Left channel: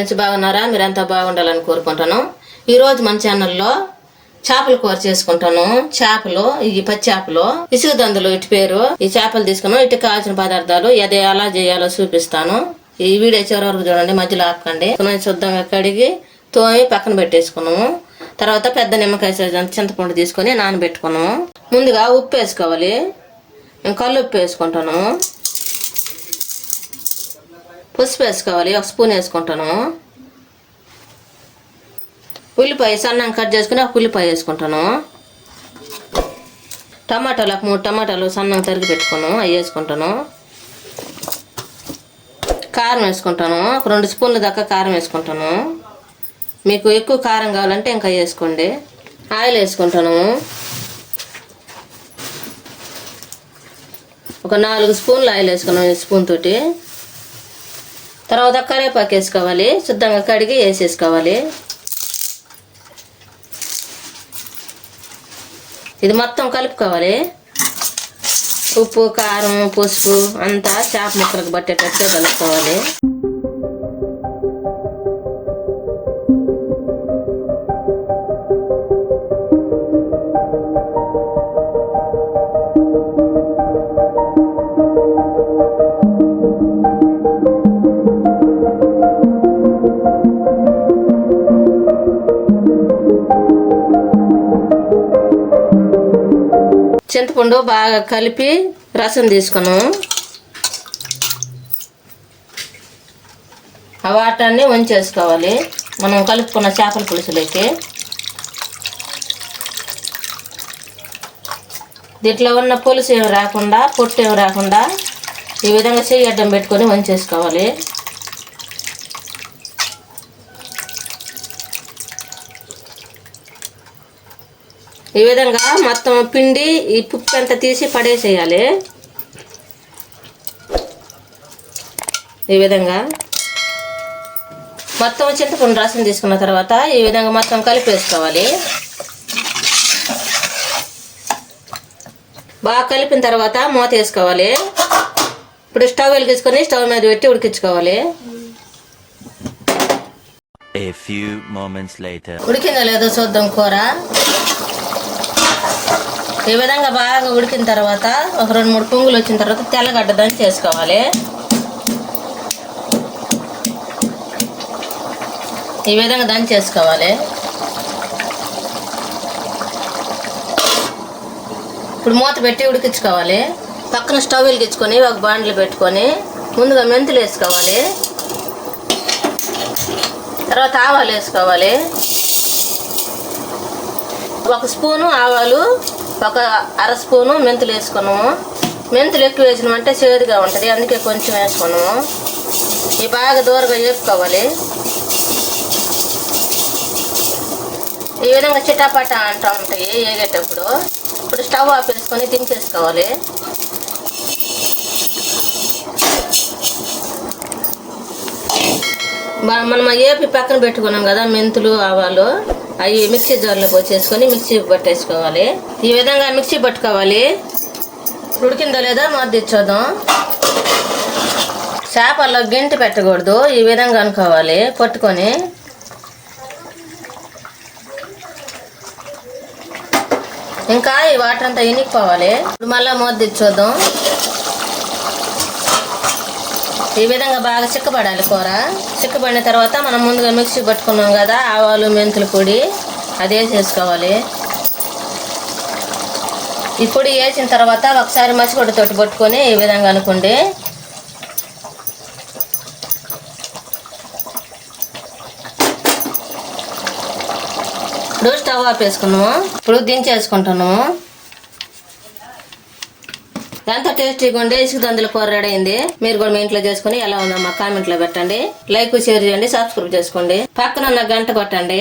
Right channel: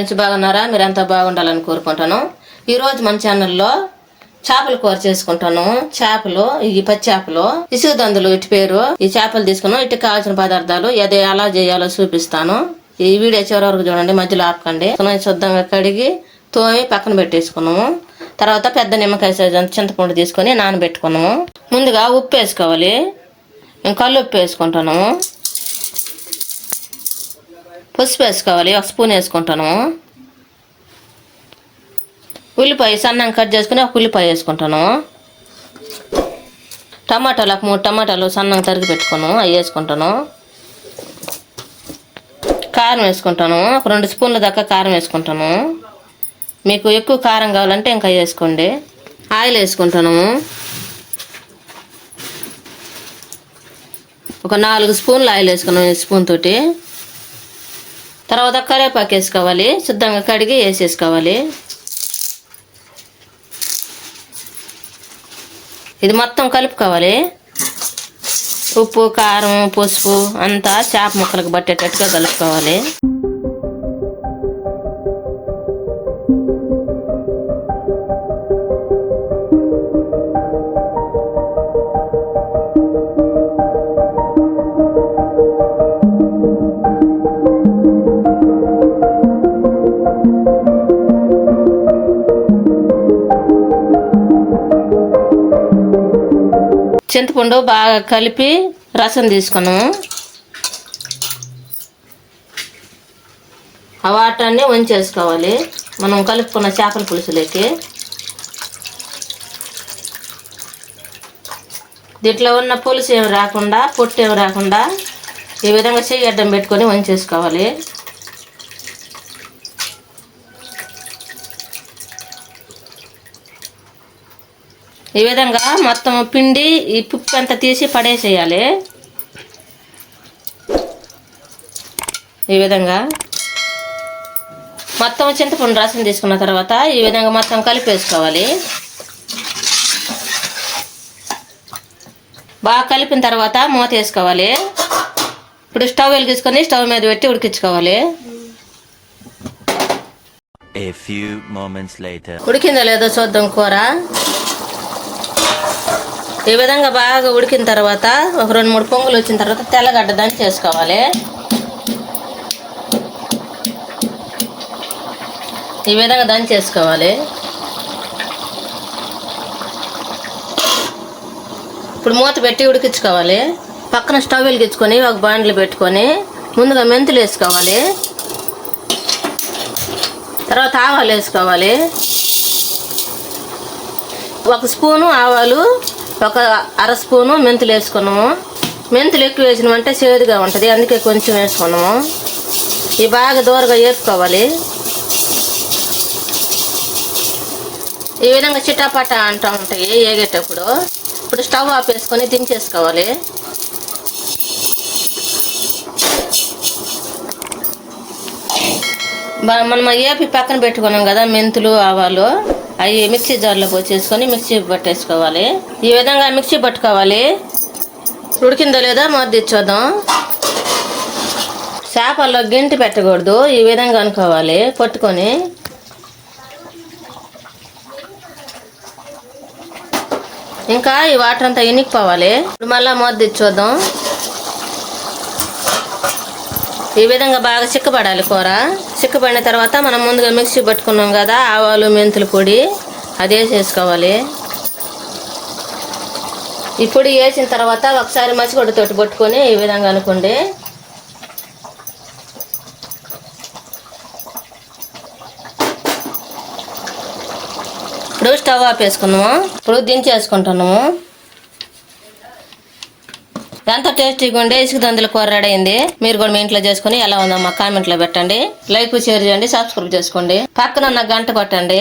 Friends, బాగున్నారా? మీరంతా బాగుండాలని కోరుకుంటాను. ఈరోజు మన ఛానల్లో చేపల కూర చేసుకుంటాను. చేపలు, ఈ పచ్చి చేపలు, ఇసుక దందులు ఇటు పేరు. ఈ చేపలు తీసుకున్నాం. ఇటు కావాల్సిన పదార్థాలు ఎలా చేయాలో చూపిస్తాను. ఈ వీడియో చివరి వరకు చూడండి, మధ్యలో ఆపకండి. శుద్ధంగా కడిగి తోమి పక్కన పెట్టేసుకున్నాము. తర్వాత పెద్ద నిమ్మకాయ సైజు అంత చింతపండు తీసుకొని నానబెట్టుకున్నాము. ముందుగా ఉప్పు వేసుకోవాలి. నేను కళ్ళు ఉప్పు వేసుకుంటాను. పసుపు వేసుకోవాలి, 1 స్పూన్ వేసుకుంటాను. ఉల్లిపాయ సన్నంగా కట్ చేసుకుని 1 ఉల్లిపాయ వేసుకుంటాను. టమాటాలు 3 టమాటాలు సన్నంగా తరిగి పెట్టుకున్నాను, అవి వేసుకుంటాను. కారం వేసుకుంటాను. 2 స్పూన్ల దాకా కారం వేసుకుంటాను. మీకు ఎక్కువ కారం కావాలంటే ఇంకా వేసుకోండి. ఆయిల్ వేసుకుంటాను. 4 స్పూన్లు ఆయిల్ వేసుకున్నాను స్పూన్ తోటి. తర్వాత కరివేపాకు వేసుకోవాలి. శుద్ధంగా కడిగి వేసేసుకోవాలి. ఇది మొత్తం కలుపుకోవాలి. ఉప్పు, కారం, పసుపు అంతా చేప ముక్కలకు పట్టేటట్టుగా కలుపుకోవాలి. చింతపండు బాగా కలిపి రసం తీసుకున్నాము. ఆ వాటర్ని వంచేసుకోవాలి మనం కలుపుకున్న చేపల పులుసులోకి. దీంట్లో ఉన్న పులుసు ఏమి రాకుండా, పొట్టు ఏమి రాకుండా ఈ విధంగా చెయ్యి అడ్డం పెట్టుకొని వంచేసుకోవాలి. ఈ విధంగా మొత్తం పిండి ఈ పుప్పు అంతా తీసి పడేసేయాలి. ఈ విధంగా మొత్తం చింతపండు రసం తీసుకున్న తర్వాత ఈ విధంగా మొత్తం కలిపేసుకోవాలి. బాగా కలిపిన తర్వాత మూత వేసుకోవాలి. ఇప్పుడు స్టవ్ వెలిగించుకొని స్టవ్ మీద పెట్టి ఉడికించుకోవాలి. ఉడికిందో లేదో చూద్దాం కూర. ఈ విధంగా బాగా ఉడికిన తర్వాత 2-3 పొంగులు వచ్చిన తర్వాత తెల్లగడ్డ దంచి చేసుకోవాలి. ఈ విధంగా దంచేసుకోవాలి. ఇప్పుడు మూత పెట్టి ఉడికించుకోవాలి. పక్కన స్టవ్ వెలిగించుకొని ఒక బాండ్లు పెట్టుకొని ముందుగా మెంతులు వేసుకోవాలి. తర్వాత ఆవాలు వేసుకోవాలి. 1 స్పూను ఆవాలు, 1/2 స్పూను మెంతులు వేసుకున్నాము. మెంతులు ఎక్కువ వేసినామంటే చేదుగా ఉంటుంది, అందుకే కొంచెం వేసుకున్నాము. ఇవి బాగా దూరగా వేపుకోవాలి. ఈ విధంగా చిటాపట అంటూ ఉంటాయి వేగేటప్పుడు. ఇప్పుడు స్టవ్ ఆఫ్ వేసుకొని దించేసుకోవాలి. మనం ఏపి పక్కన పెట్టుకున్నాం కదా మెంతులు, ఆవాలు, అవి మిక్సీ జార్లో పోసేసుకొని మిక్సీ పట్టేసుకోవాలి. ఈ విధంగా మిక్సీ పట్టుకోవాలి. ఉడికిందో లేదో మూత చూద్దాం. చేపల్లో గెంటి పెట్టకూడదు, ఈ విధంగా అనుకోవాలి పట్టుకొని. ఇంకా ఈ వాటర్ అంతా ఇనికిపోవాలి. ఇప్పుడు మళ్ళీ మూత చూద్దాం. ఈ విధంగా బాగా చిక్కపడాలి కూర. చిక్కపడిన తర్వాత మనం ముందుగా మిక్సీ పట్టుకున్నాం కదా ఆవాలు, మెంతుల పొడి, అది వేసేసుకోవాలి. ఈ పొడి వేసిన తర్వాత ఒకసారి మసిగొడ్డతోటి పట్టుకొని ఈ విధంగా అనుకోండి. ఇప్పుడు స్టవ్ ఆఫ్ వేసుకున్నాము. ఇప్పుడు దించేసుకుంటాము. ఎంతో టేస్టీగా ఉండే ఇసుక దందుల కూర రెడీ అయింది. మీరు కూడా మీ ఇంట్లో చేసుకుని ఎలా ఉందమ్మా కామెంట్లో పెట్టండి. లైక్, షేర్ చేయండి, సబ్స్క్రైబ్ చేసుకోండి. పక్కన ఉన్న గంట కొట్టండి.